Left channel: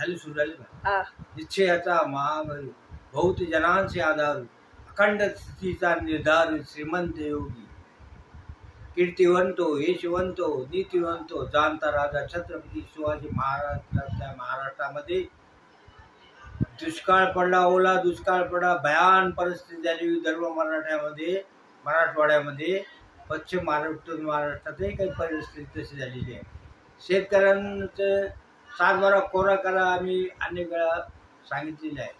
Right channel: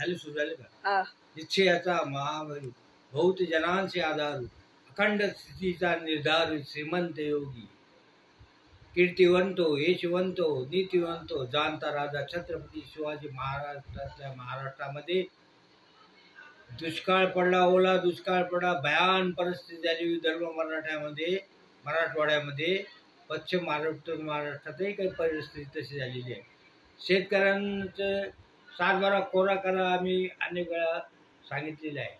झाली सुरू झाली का निश्चयाचा महाबल बहुत जनांचे आधार अखंड स्थितीचा निर्धार श्रीमंत योगी कीर्तिवंतो यशवंतो नीतिवंतो जाणता राजा छत्रपती शिवाजी महाराष्ट्रामध्ये दुष्काळ पडला, ओला दुष्काळ पडला, भयान परिस्थिती झाली विदर्भ मराठवाड्यामध्ये, पश्चिम महाराष्ट्रातही काही परिस्थिती तशी झालेली आहे. शेतकऱ्यांचं सातबारा कोरा करा आम्ही अनेक वेळा सांगितलेले आहे,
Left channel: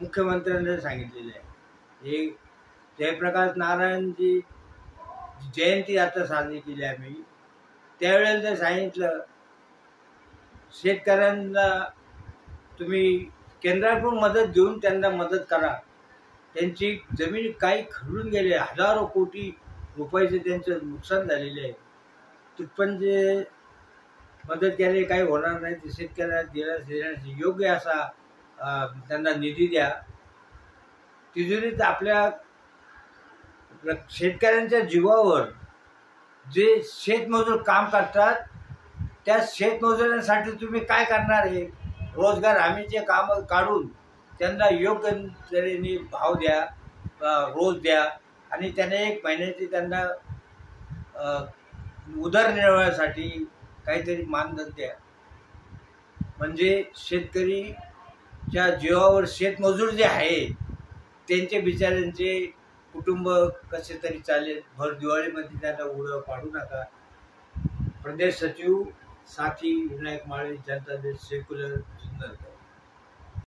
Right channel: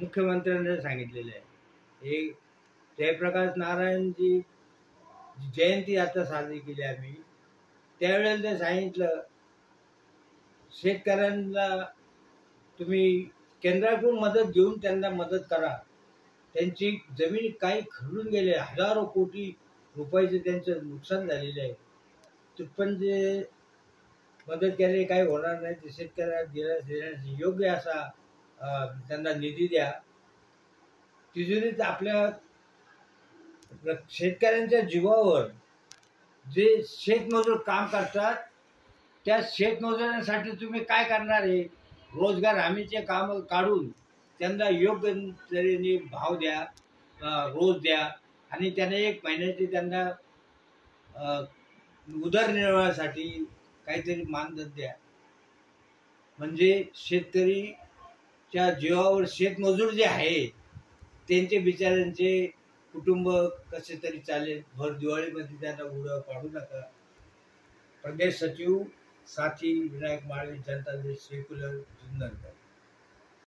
मुख्यमंत्र्यांनी सांगितलेले आहे. हे जयप्रकाश नारायणजी जयंती आता साजरी केली आम्ही, त्यावेळेला ते सांगितलं शेतकऱ्यांना तुम्ही केंद्राकडून मदत घेऊन त्यांना मदत करा. त्यांची जमीन काही खरडून गेले, हजारो कोटी रुपयाचे त्यांचं नुकसान झालेले आहे. तिथपण जे मदत केली काही होणार नाही, ते शेतकऱ्यांना देण्यास योग्य असा त्यांना निधी द्या. तिजोरीत आपल्या शेतकऱ्यांच्या जीवावर जे शेतमजूर काम करतात त्या शेतमजुरांसाठी तुम्ही काय करणार आहे? रोजगार हमीचे काम काढून त्यांना योग्य तऱ्हेने भाव द्या, रोज द्या आणि त्याने एक महिन्याची त्यांना उदरनिर्वाहासाठी काहीतरी मानधन द्या. म्हणजे शेतकरीच्या जीवावर शेतमजूर जे आहेत त्यांचे बिचाऱ्यांचे कुटुंब कसे तरी चालेल. भर दिवाळीमध्ये त्यांना उडं पाडू नका. प्रदेश सचिव साथी विनायक माळे, जनता दल सेक्युलर जुन्नर.